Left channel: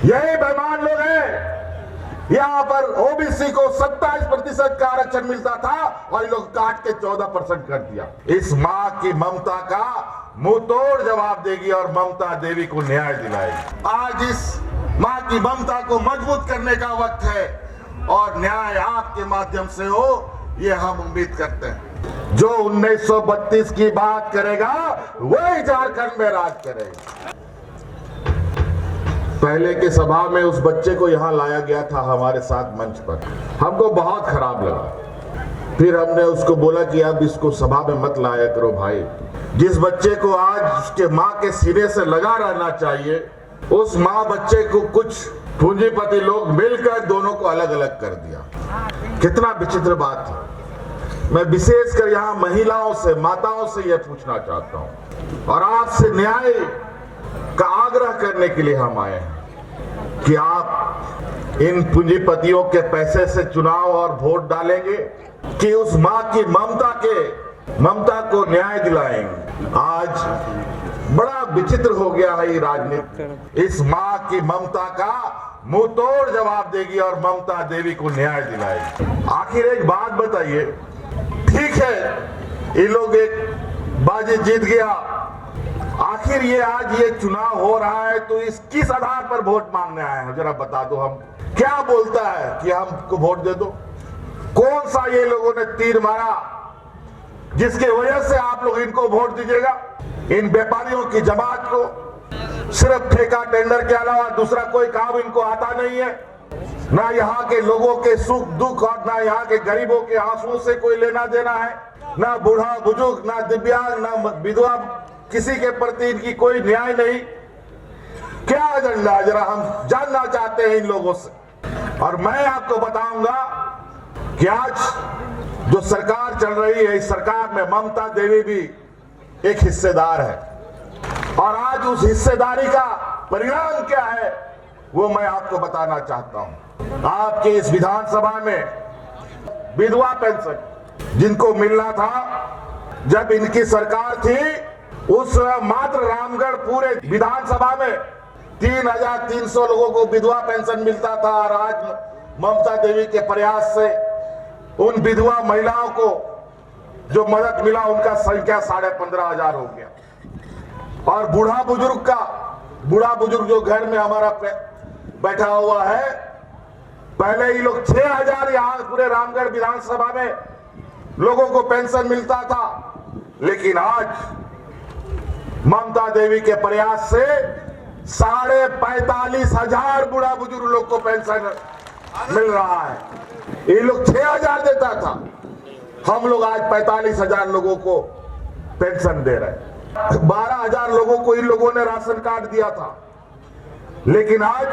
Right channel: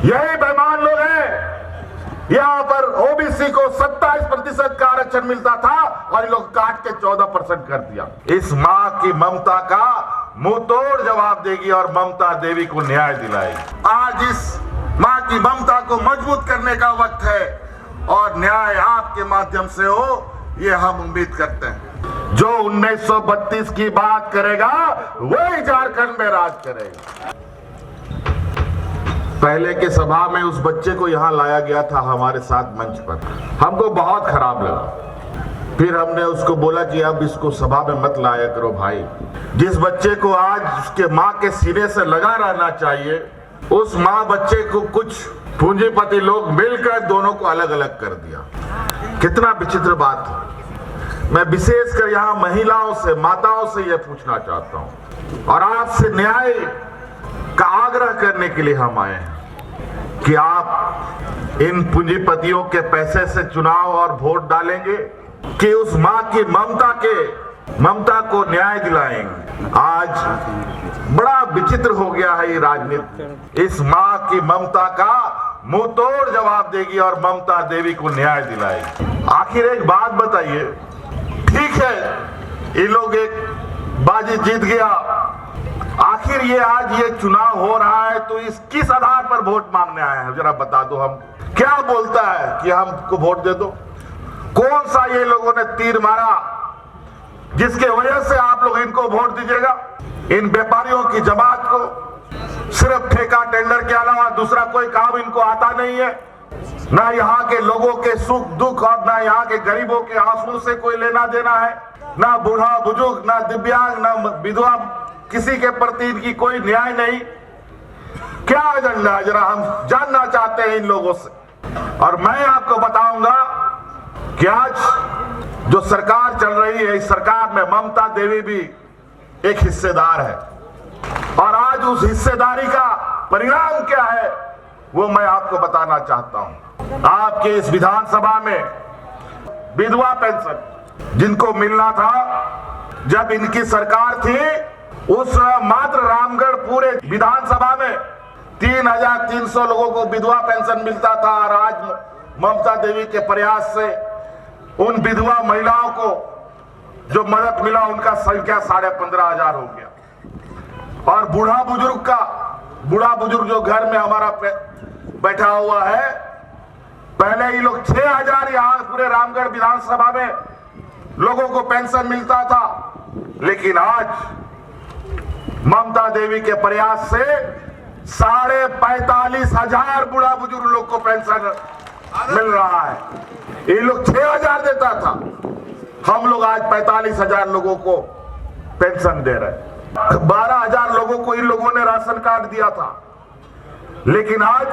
यही बेईमान लोग हैं। यहाँ पर ओबीसी को 27% का आरक्षण मिलता था और ये लोग काट के 14% कर दिया। इस माँ की ममता का मुंह तोड़ जवाब देगी और ममता देवी को न्याय दिलाएगी। आज इस माँ की ममता को मजबूत करने का वक्त है और न्याय आपके माध्यम से हो, ये हम उम्मीद करते हैं। जो 1932 की बात करेगा वही झारखंड में राज करेगा। पहले के सभा में उस बच्चे को यहाँ लाया गया था हमारे साथ मंच पर, हमको बहुत खराब लगा। फिर हमने उसको बोला कि अब इसको सभा में मत लाया करो भाई। जिस बच्चे को आज उसके माँ के सीने से लगा रहना चाहिए, उस माँ बच्चे को कुछ पूंजीपति लोग मिलकर दोनों को अलग अलग कर दिया। कितना विचित्र बात है। मैं विशेषकर यहाँ महिलाओं से, माताओं से यह पूछना चाहता हूँ और आज से न्याय का आग्रह करने के लिए हम आए हैं कि आप इन पूंजीपतियों के पैसे से चुनाव और वोट डालेंगे कि उस माँ की ममता को न्याय दिलाएंगे। आज बड़ा विचित्र हो गया है ये राजनीति। इस माँ की ममता का मुंह तोड़ जवाब देगी और ममता देवी को न्याय दिलाएगी। आखिर एक बात बताइए, ठीक है ये लोग एक बाजी जीत गया, आखिर ये आज ये चुनाव हो रहा है तो इस किस आधार पर वोट मांगने आए हैं, जरा बता दो। हम क्या बोलता है कि हमको वोट दे दो? कौन सा ये लोगों ने तीर मारा जिसके वजह से आप लोग इनको वोट दीजिएगा? इन व्यापारियों की जमात को सिर्फ ठेका टेंडर के अलावा दूसरा कोई काम इनको आता नहीं है। ना यहाँ के लोगों के सुख दुख और ना यहाँ के गरीबों के आंसू से कोई लेना देना है। ना बूढ़ा बुजुर्ग, ना दिव्यांग, ना विधवा, किसी के प्रति इनकी कोई न्याय नहीं। क्या एजेंडा है जरा हम जानना चाहते हैं इन लोगों से। और मैं आपको बताऊंगा कि आज जो सरकार चल रही है, इस सरकार में ममता देवी भी एक हिस्सेदार है और आज उस हिस्सेदारी का परिणाम क्या है वो मैं आपको बताना चाहता हूं। आपके इस विधानसभा में विधवा पेंशन जिनको मिलना था जब इनकी सरकार थी, उस मात्र रामगढ़ पूरे विधानसभा में 3,300 लोगों को विधवा पेंशन मिलता था और आज ममता देवी के प्रयास से उन विधवा महिलाओं को जो मदद मिला उनका संख्या 15,500 हो गया। और बूढ़ा बुजुर्ग जो घर में हमारा बैठा हुआ है, पहले ही लोग 6,000 यहाँ पूरे रामगढ़ विधानसभा में लोगों को पेंशन मिलता था, लेकिन आज ममता देवी के प्रयास से 45,500 बूढ़ा बुजुर्ग लोग को पेंशन मिल रहा है। ये लोग 6,000 देता था, हम लोग आज 45,000 लोगों को पेंशन दे रहे हैं। 12,000 लोगों को इन लोगों ने राशन कार्ड दिया था, लेकिन आज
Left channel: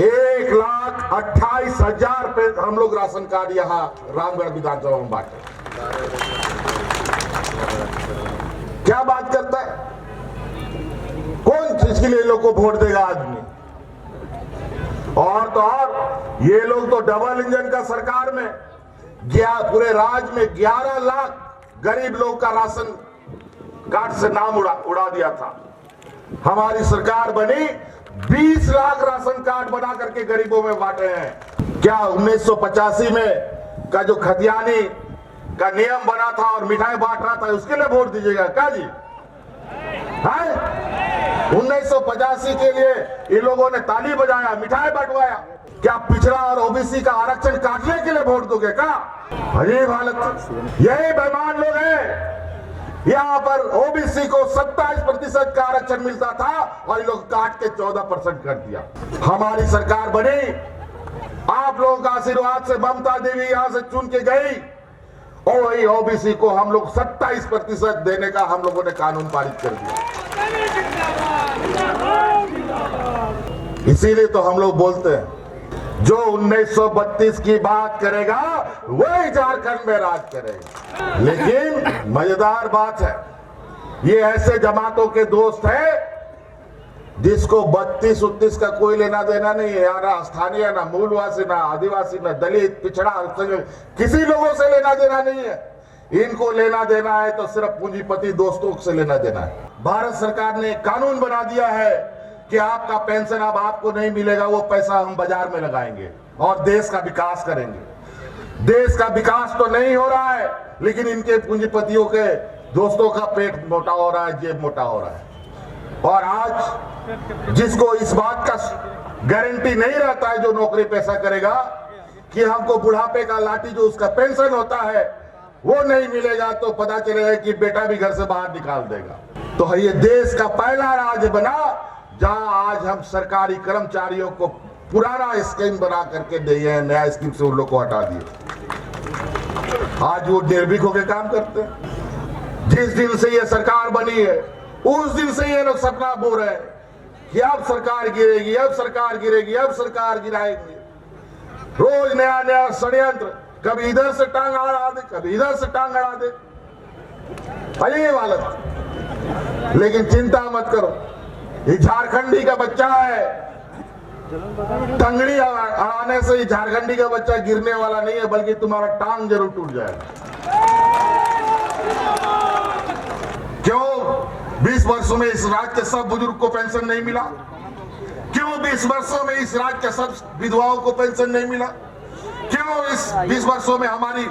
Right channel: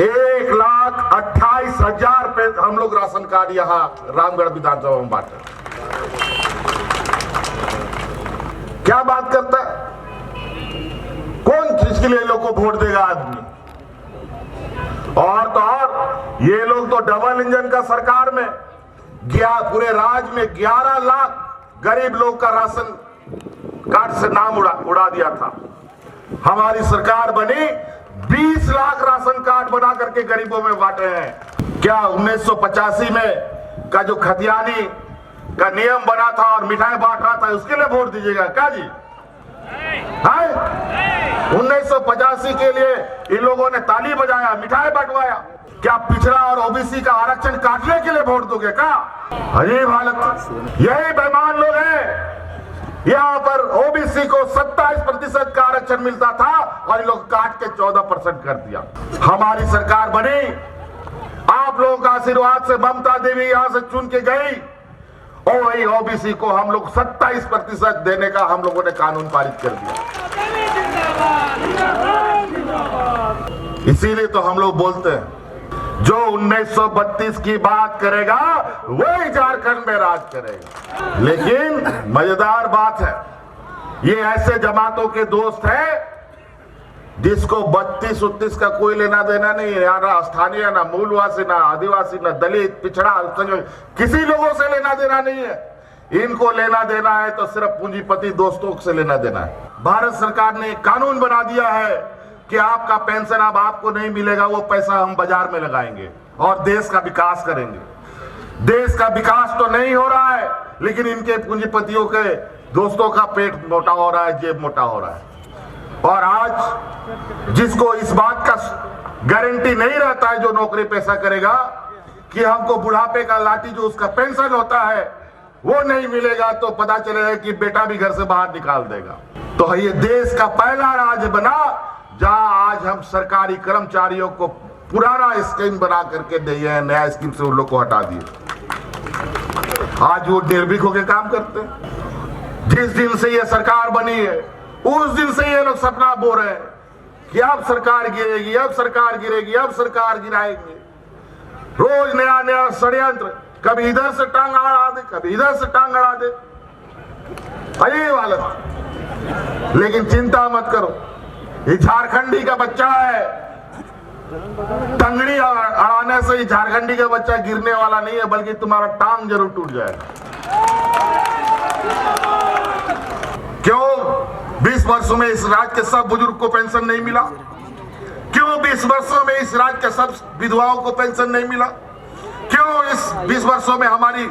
1,28,000 पे हम लोग राशन कार्ड यहाँ रामगढ़ विधानसभा में बांटे। क्या बात करता है? कौन चीज के लिए लोग को वोट देगा आदमी? और तो और ये लोग तो डबल इंजन का सरकार में पूरे राज्य में 11 लाख गरीब लोग का राशन कार्ड से नाम उड़ा दिया था। हमारी सरकार बनी 20 लाख राशन कार्ड बना करके गरीबों में बांटे हैं। क्या 1985 में का जो खतियानी का नियम बना था और मिठाई बांट रहा था उसके लिए वोट दीजिएगा क्या जी? 1985 के लिए इन लोगों ने ताली बजाया, मिठाई बंटवाया। क्या पिछड़ा और ओबीसी का आरक्षण काटने के लिए वोट दोगे क्या? अजीब हालत। यही बेईमान लोग हैं। यहाँ पर ओबीसी को 27% का आरक्षण मिलता था और ये लोग काट के 14% कर दिया। हमारी सरकार बनी, आप लोगों का आशीर्वाद से ममता देवी यहाँ से चुन के गई और वही ओबीसी को हम लोग 27% देने का हम लोगों ने कानून पारित कर दिया। इसीलिए तो हम लोग बोलते हैं जो 1932 की बात करेगा वही झारखंड में राज करेगा। लेकिन मजेदार बात है, ये ऐसे जमातों के दोस्त हैं जिसको 32-39 का कोई लेना देना नहीं है। यहाँ ना स्थानीय, ना मूलवासी, ना आदिवासी, ना दलित, पिछड़ा, किसी लोगों से लेना देना नहीं है। इनको लेना देना है तो सिर्फ पूंजीपति दोस्तों से लेना देना है। भारत सरकार ने कानून बना दिया है कि आपका पेंशन अब आपको नहीं मिलेगा, वो पैसा हम बाजार में लगाएंगे और देश का विकास करेंगे। देश का विकास तो नहीं हो रहा है, लेकिन इनके पूंजीपतियों के दोस्तों का पेट मोटा हो रहा है, जेब मोटा हो रहा है। और आज जिसको इस बात का गारंटी नहीं रहता है, जो नौकरी पेशा करेगा, कि हमको बुढ़ापे का लाठी जो उसका पेंशन होता है वो नहीं मिलेगा, तो पता चलेगा कि बेटा भी घर से बाहर निकाल देगा। तो ये देश का पहला राज्य बना जहां आज हम सरकारी कर्मचारियों को पुराना स्कीम बना करके दिए हैं, नया स्कीम से उन लोग को हटा दिए। आज वो निर्भीक होकर काम करते हैं। जिस दिन से ये सरकार बनी है उस दिन से ये लोग सपना बो रहे हैं कि अब सरकार गिरेगी, अब सरकार गिरेगी, अब सरकार गिराएगी। रोज नया नया षड्यंत्र, कभी इधर से टांग अड़ा दे, कभी इधर से टांग अड़ा दे, अजीब हालत। लेकिन चिंता मत करो, ये झारखंडी का बच्चा है, टंगड़ी अड़ाने से झारखंडी का बच्चा गिरने वाला नहीं है, बल्कि तुम्हारा टांग जरूर टूट जाएगा। क्यों 20 वर्षों में इस राज्य के सब बुजुर्ग को पेंशन नहीं मिला? क्यों 20 वर्षों में इस राज्य के सब विधवाओं को पेंशन नहीं मिला? क्यों इस 20 वर्षों में हमारी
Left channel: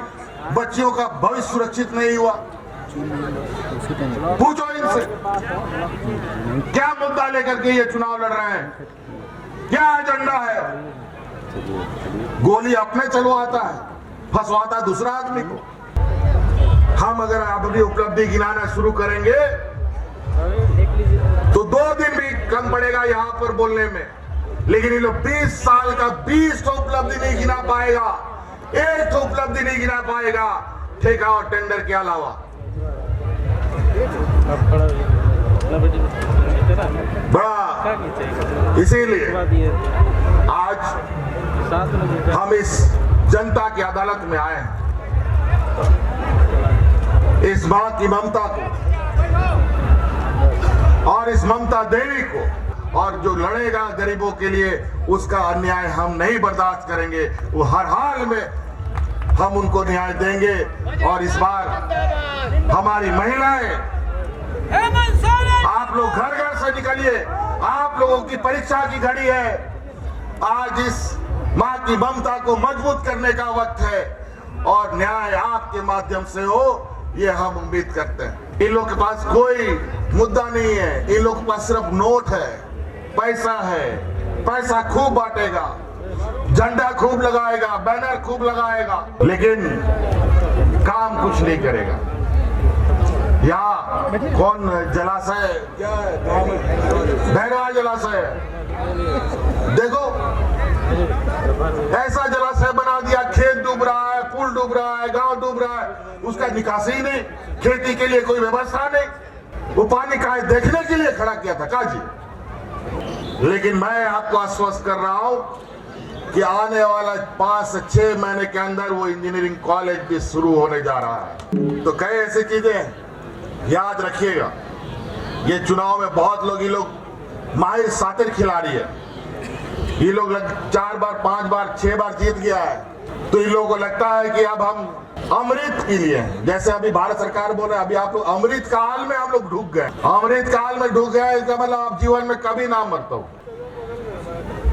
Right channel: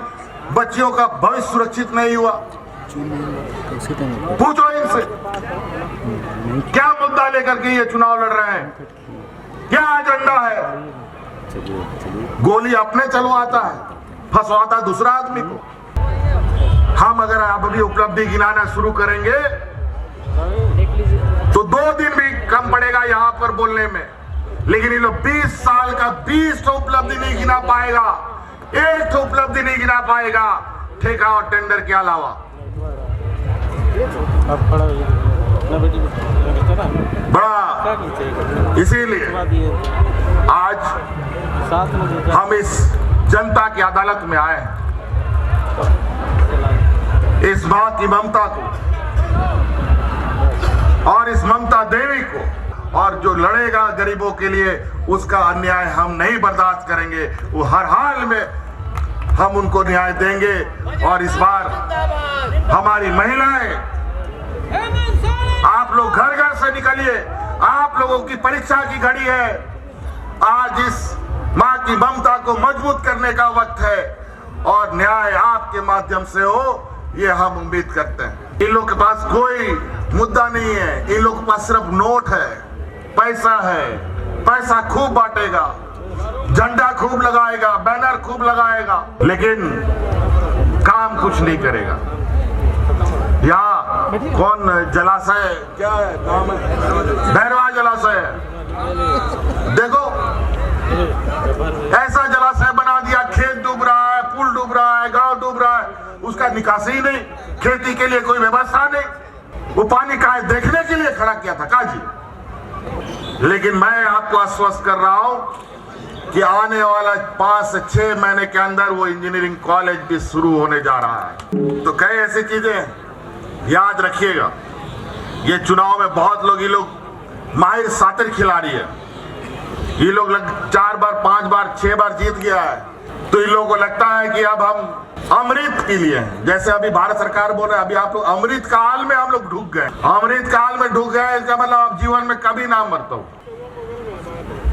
बच्चियों का भविष्य सुरक्षित नहीं हुआ? पूछो इनसे, क्या मुद्दा लेकर के ये चुनाव लड़ रहे हैं? क्या एजेंडा है? गोली अपने चलवाता है, फंसवाता दूसरा आदमी को। हम अगर अपनी उपलब्धि गिनाना शुरू करेंगे तो 2 दिन भी कम पड़ेगा यहाँ पर बोलने में, लेकिन ये लोग 20 साल का 20 उपलब्धि नहीं गिना पाएगा, 1 उपलब्धि नहीं गिना पाएगा, ठेका और टेंडर के अलावा। बड़ा इसीलिए आज हम इस जनता की अदालत में आए हैं, इस मां की ममता को और इस ममता देवी को, और जो लड़ेगा गरीबों के लिए उसका अन्याय हम नहीं बर्दाश्त करेंगे। वो हर हाल में हम उनको न्याय देंगे। और इस बार हमारी महिलाएं, आप लोग घर घर से निकलिए, आप लोगों की परीक्षा की घड़ी है। आज इस मां की ममता को मजबूत करने का वक्त है और न्याय आपके माध्यम से हो, ये हम उम्मीद करते हैं। इन लोग के पास कोई मुद्दा नहीं है, इन लोग के पास सिर्फ नोट है, पैसा है, पैसा खूब बांटेगा, झंडा खूब लगाएगा, बैनर खूब लगाएगा, लेकिन काम कुछ नहीं करेगा। यहाँ कौन जलाशय क्या है, भैरवा जलाशय है, देखो ऐसा जलाशय बना दिया, खेत डूब रहा है, पुल डूब रहा है, गांव डूब रहा है, उसका निकासी ही नहीं, खेती के लिए कोई व्यवस्था नहीं। वो पानी का देखने के लिए खड़ा किया था काजी। लेकिन मैं आपको आश्वस्त कर रहा हूं कि आने वाला 5 से 6 महीने के अंदर वो इंजीनियरिंग कॉलेज भी शुरू होने जा रहा है। तो कई ऐसी चीजें याद रखिएगा। ये चुनाव में बहुत लोग, ये लोग माहिर शातिर खिलाड़ी है, ये लोग 4 बार 5 बार 6 बार जीत गया है, तो इन लोगों को लगता है कि अब हम अमृत के लिए हैं। जैसे अभी भारत सरकार बोल रहे हैं, अभी आप लोग अमृत काल में हम लोग ढूक गए, अमृत काल में ढूक गए, इसका मतलब आप जीवन में कभी ना मरता हूं,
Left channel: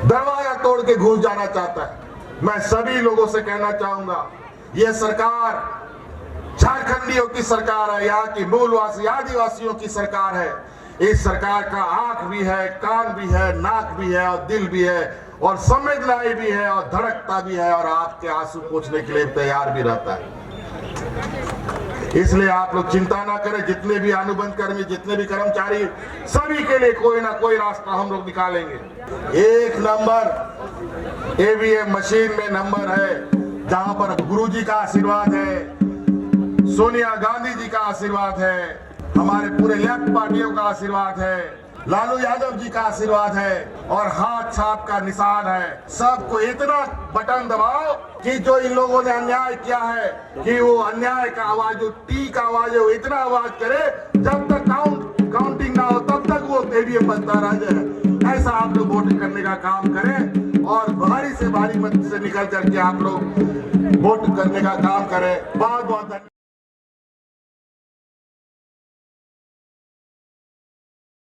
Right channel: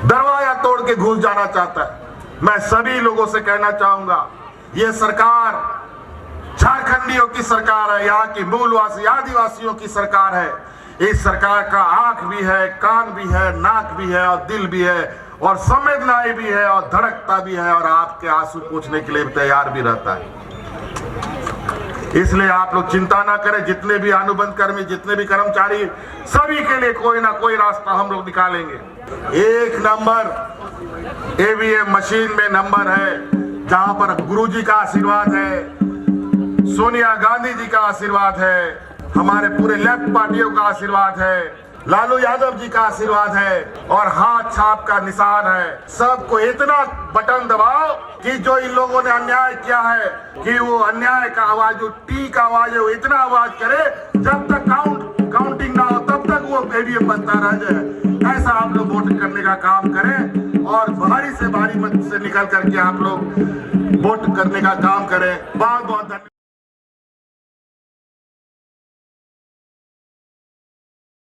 दरवाजा तोड़ के घुस जाना चाहता है। मैं सभी लोगों से कहना चाहूंगा, ये सरकार झारखंडियों की सरकार है, यहाँ की मूलवासी आदिवासियों की सरकार है। इस सरकार का आंख भी है, कान भी है, नाक भी है और दिल भी है और संवेदनाएं भी है और धड़कता भी है और आपके आंसू पोंछने के लिए तैयार भी रहता है। इसलिए आप लोग चिंता ना करें, जितने भी अनुबंध कर्मी, जितने भी कर्मचारी, सभी के लिए कोई ना कोई रास्ता हम लोग निकालेंगे। 1 नंबर ईवीएम मशीन में नंबर है, जहां पर गुरुजी का आशीर्वाद है, सोनिया गांधी जी का आशीर्वाद है, हमारे पूरे लेफ्ट पार्टियों का आशीर्वाद है, लालू यादव जी का आशीर्वाद है और हाथ छाप का निशान है। सबको इतना बटन दबाओ कि जो इन लोगों ने अन्याय किया है, कि वो अन्याय का आवाज, जो टी का आवाज है, वो इतना आवाज करे, जब तक काउंटिंग ना हो तब तक वो ईवीएम बजता रह जाए। ऐसा आप लोग वोट करने का काम करें और भारी से भारी मत से निकल करके आप लोग वोट करने का काम करें। बहुत बहुत